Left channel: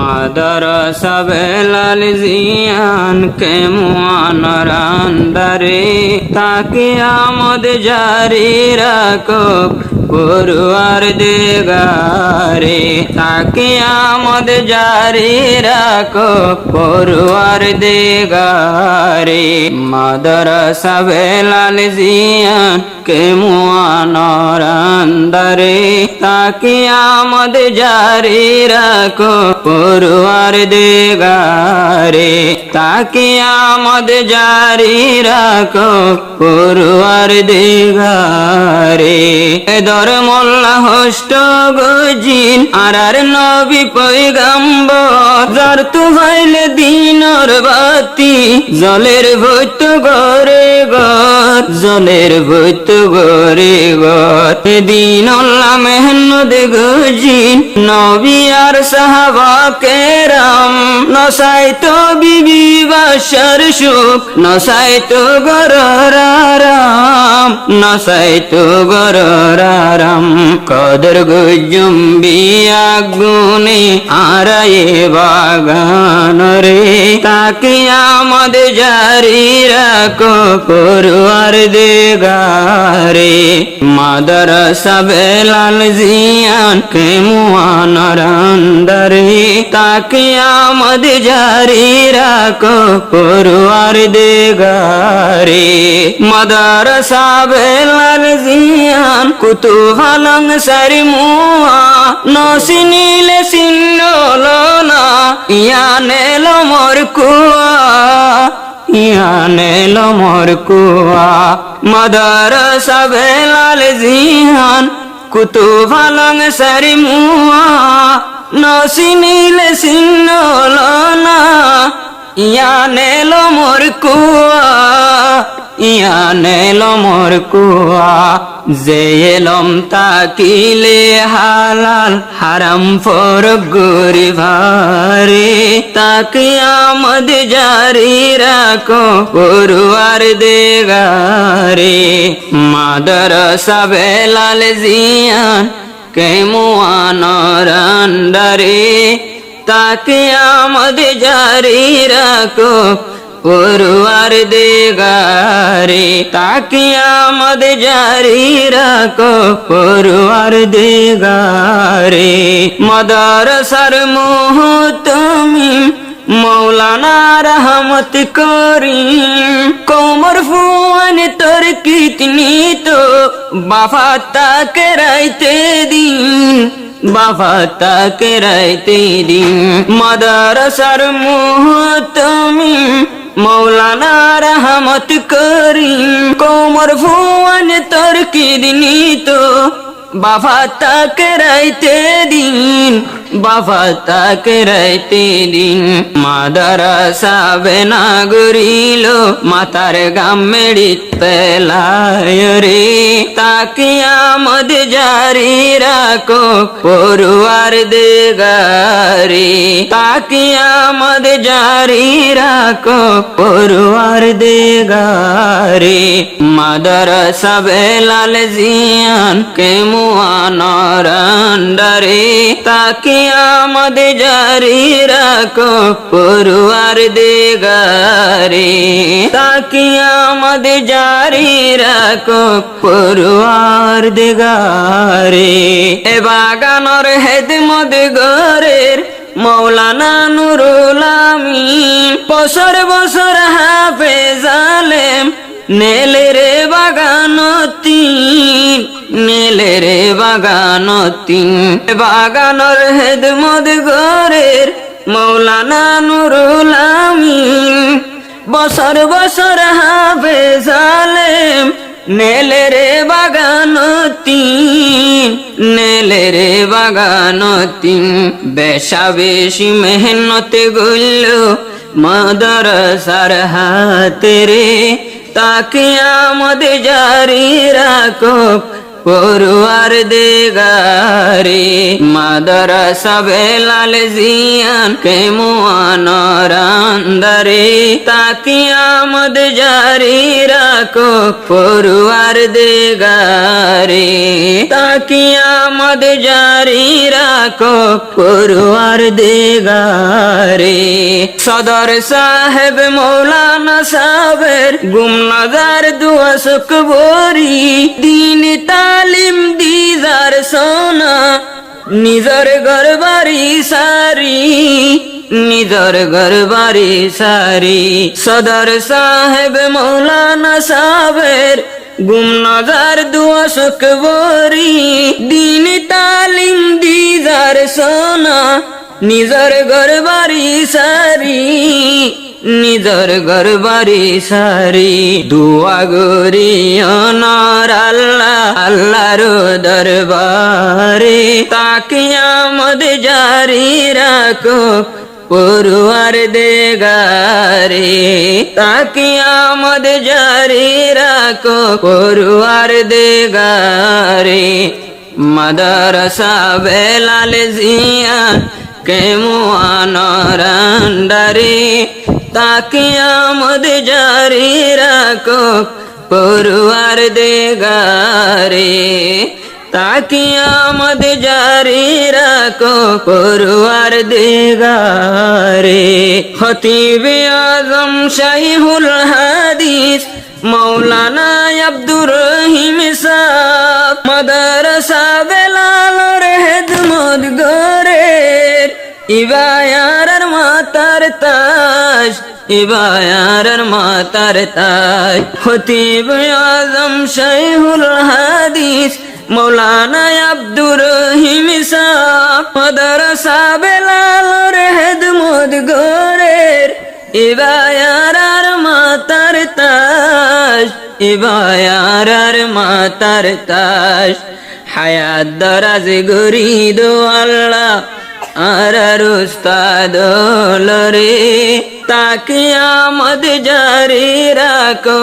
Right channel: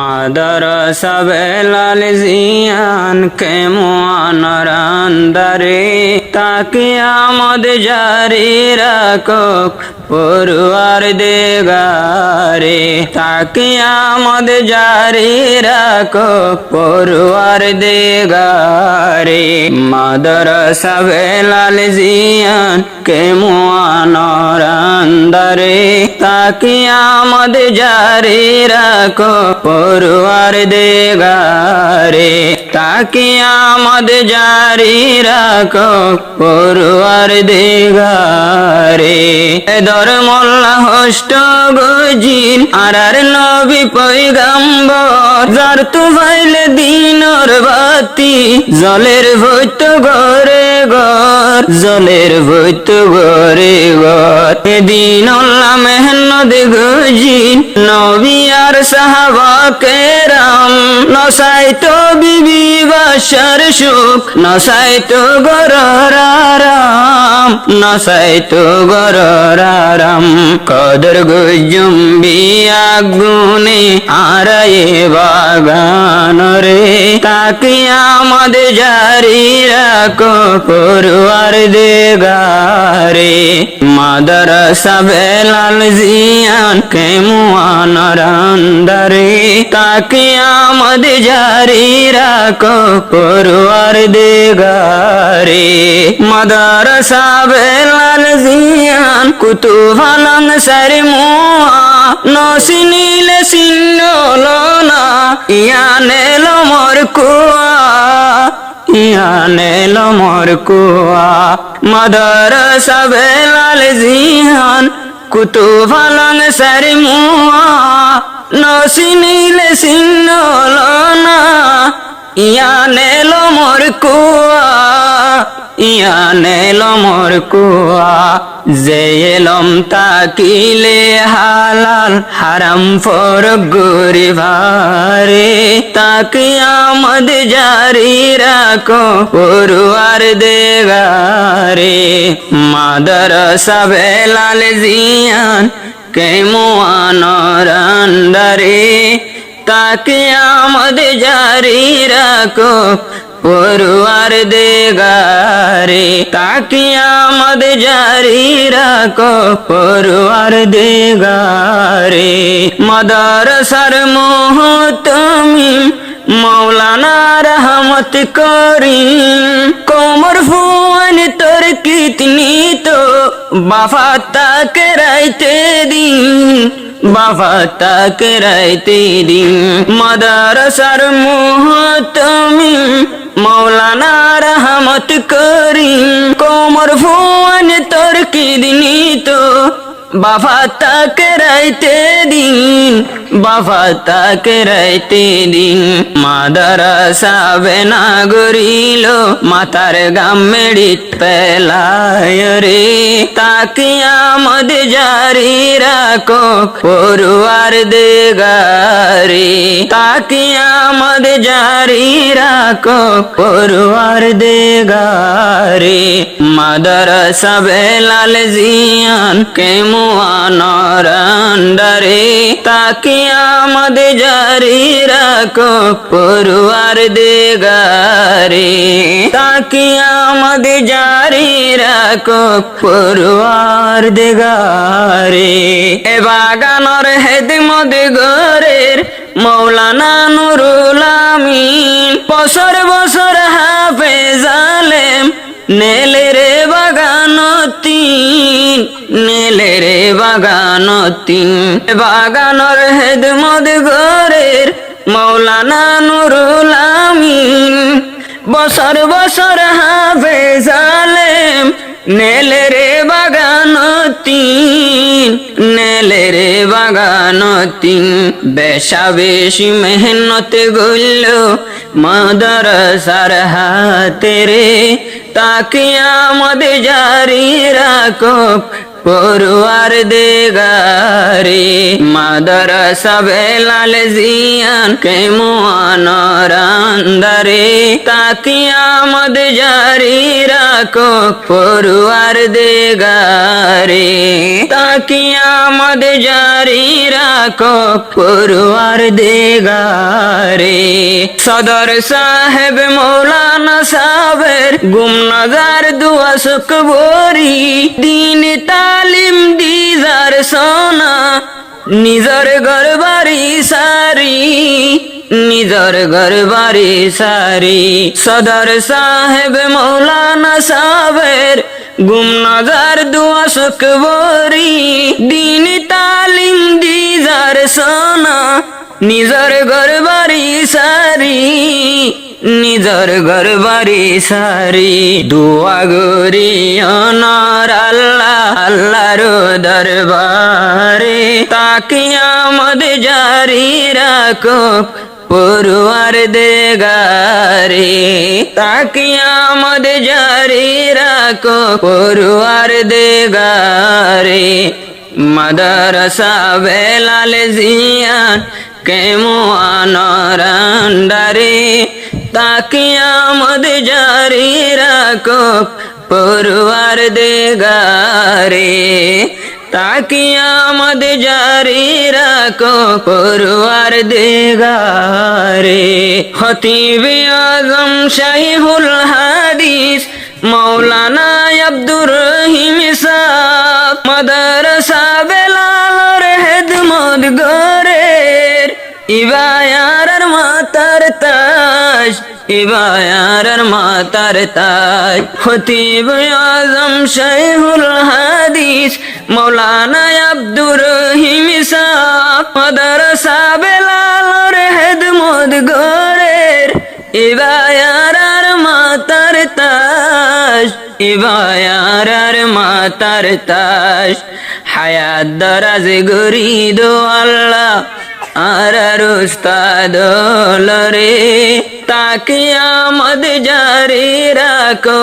মাদ্রাসা বেলাল জিয়ান কে মুআনারান্দারে তাকে আমদ জারি রাখক পরওয়ার দিগারে তাকে আমদ জারি রাখক পরওয়ার দিগারে মাদ্রাসা বেলাল জিয়ান কে মুআনারান্দারে তাকে আমদ জারি রাখক পরওয়ার দিগারে তাকে আমদ জারি রাখক পরওয়ার দিগারে ধর্মল্লা হষ্ট গজিল আর নবী পয়গম্বর যার তু ভাইলে দিনর বাতি জলের ভৈত গরে গর জলের ভৈত গরে গর দিনল্লা মেহনত গজিল নবী আর সাহাবা কেরাম নসাইতো বিবি বাসার সুখ নসাইতো গরর আরাম নসাইতো গরর আরাম কদর গুজুম্বি আগুনে আরায়ে বাগান রে তাকে আমদ জারি রাখো পরওয়ার দিগারে মাদ্রাসা বেলাল জিয়ান কে মুআনারান্দারে তাকে আমদ জারি রাখো পরওয়ার দিগারে মাদ্রাসা বেলাল জিয়ান কুতুবালান সারমুয়া নসিনিলে সিন্নলো না ইয়ানেলো মোর কুয়া ইয়ানেলো মোর কুয়া মাদ্রাসা বেলাল জিয়ান কুতুবালান সারমুয়া নসিনিলে সিন্নলো না ইয়ানেলো মোর কুয়া ইয়ানেলো মোর কুয়া যে এলম তাকিলে হালাল হারাম ফরক গরিভারে তাকে আমদ জারি রাখো পরওয়ার দিগারে মাদ্রাসা বেলাল জিয়ান কে মুআনারান্দারে তাকে আমদ জারি রাখো পরওয়ার দিগারে তাকে আমদ জারি রাখো পরওয়ার দিগারে মাদ্রাসার মুহতামিম মৌলানা রহমত করিম কোমর ফুয়ান তোর কিতনি তো বাফা তাক রাইতে দিন বাফা তাক রাইতে দিন মাদ্রাসার মুহতামিম মৌলানা রহমত করিম কোমর ফুয়ান তোর কিতনি তো বাফা তাক রাইতে দিন বাফা তাক রাইতে দিন মাদ্রাসা বেনা গরিল মাতার গাম মেডিত পেলায় রে তাকে আমদ জারি রাখো পরওয়ার দিগারে তাকে আমদ জারি রাখো পরওয়ার দিগারে মাদ্রাসা বেলাল জিয়ান কে মুআনারান্দারে তাকে আমদ জারি রাখো পরওয়ার দিগারে তাকে আমদ জারি রাখো পরওয়ার দিগারে এ বাগানর হেদমত গরের মৌলানা নুরুল আমিন বছর বছর হাফেজ আলেম নেলে রে বাগানতিন নেলে রে বাগানতিন বাগানর হেদমত গরের মৌলানা নুরুল আমিন বছর বছর হাফেজ আলেম নেলে রে বাগানতিন নেলে রে বাগানতিন বেশা বেশি মেহনত গইল মাদ্রাসার হাতে রে তাকে আমদ জারি রাখো পড়ুয়ার দেগারে মাদ্রাসা বেলাল জিয়ান কেমনারান্দারে তাকিয়ামত জারি রাখো পড়ুয়ার দেগারে তাকিয়ামত জারি রাখো পড়ুয়ার দেগারে সদর সাহেব মৌলানা সাহেবের গুমনাগার দুয়া শুকবরি দিন তালিম দিদার সোনা নিজর গরবারি সারি নিজর গরবারি সারি সদর সাহেব মৌলানা সাহেবের গুমনাগার দুয়া শুকবরি দিন তালিম দিদার সোনা নিজর গরবারি সারি নিজর গরবারি সারি দুয়া গরি অনার আল্লাহ আল্লাহর দরবারে তাকিয়ামত জারি রাখো পড়ুয়ার দেগারে তাকিয়ামত জারি রাখো পড়ুয়ার দেগারে মাদ্রাসা বেলাল জিয়ান কেমনারান্দারে তাকিয়ামত জারি রাখো পড়ুয়ার দেগারে তাকিয়ামত জারি রাখো পড়ুয়ার দেগারে খতিব আজম শাইখুল হাদিস মৌলানা আব্দুর রহিম সাহেব মাদ্রাসা বেলালের খেদমত গরের ইবায়ার মাতার তাজ ইবায়ার মাতার তাজ খতিব আজম শাইখুল হাদিস মৌলানা আব্দুর রহিম সাহেব মাদ্রাসা বেলালের খেদমত গরের ইবায়ার মাতার তাজ ইবায়ার মাতার তাজ হায়াত দরাজ গরি দো আল্লাহ আর উস্তাদ লরে তাকিয়ামত জারি রাখো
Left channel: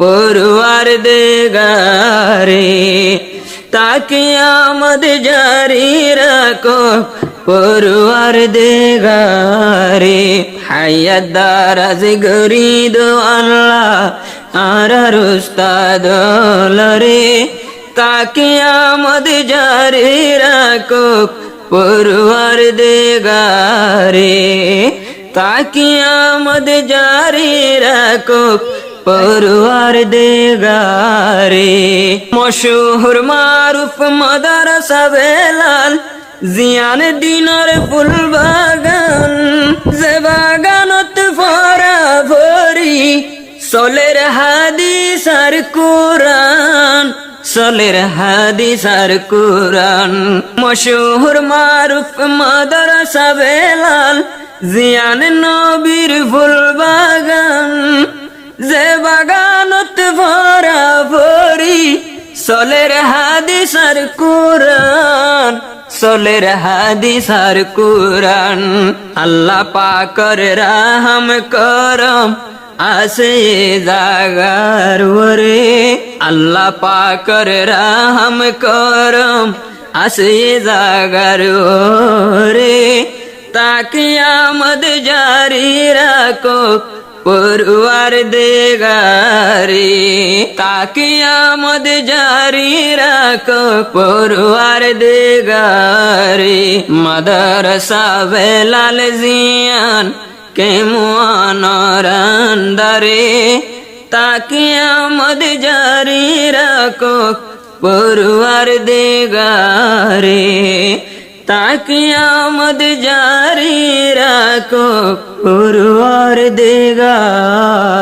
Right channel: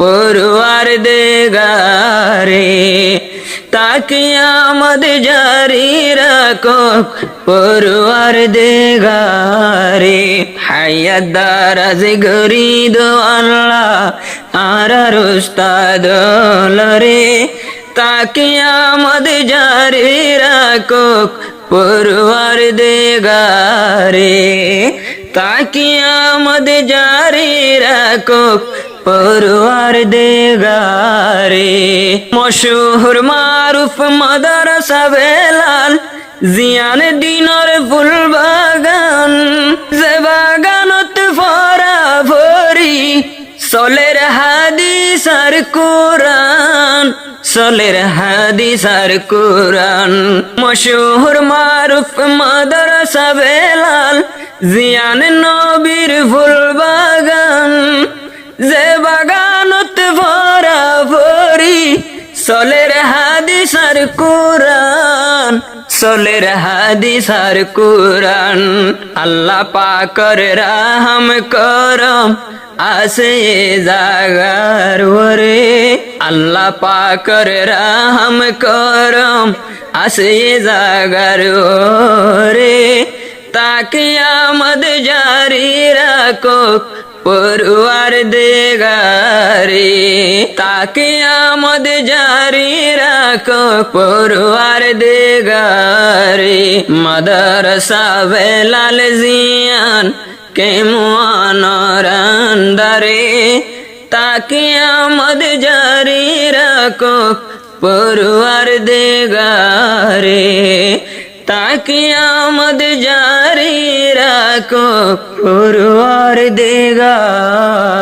পড়ুয়ার দেগারে তাকিয়ামত জারি রাখো পড়ুয়ার দেগারে হায়াত দরাজ গরি দো আল্লাহ আর উস্তাদ লরে তাকিয়ামত জারি রাখো পড়ুয়ার দেগারে তাকিয়ামত জারি রাখো পড়ুয়ার দেগারে মশহুর মারুফ মাদ্রাসা বেলাল জিয়ান দিনার ফুল বাগান যে বাগানত ফরা ভরি সলের হাদিস আর কোরআন সলের হাদিস আর কোরআন মশহুর মারুফ মাদ্রাসা বেলাল জিয়ান নবীর ফুল বাগান যে বাগানত ভরা ভরি সলের হাদিস আর কোরআন সলের হাদিস আর কোরআন আল্লাহ পাকের রহম করম আসে জাগার ওরে আল্লাহ পাকের রহম করম আসে জাগার ওরে তাকিয়ামত জারি রাখো পড়ুয়ার দেগারে তাকিয়ামত জারি রাখো পড়ুয়ার দেগারে মাদ্রাসা বেলাল জিয়ান কেমনারান্দারে তাকিয়ামত জারি রাখো পড়ুয়ার দেগারে তাকিয়ামত জারি রাখো পড়ুয়ার দেগারে।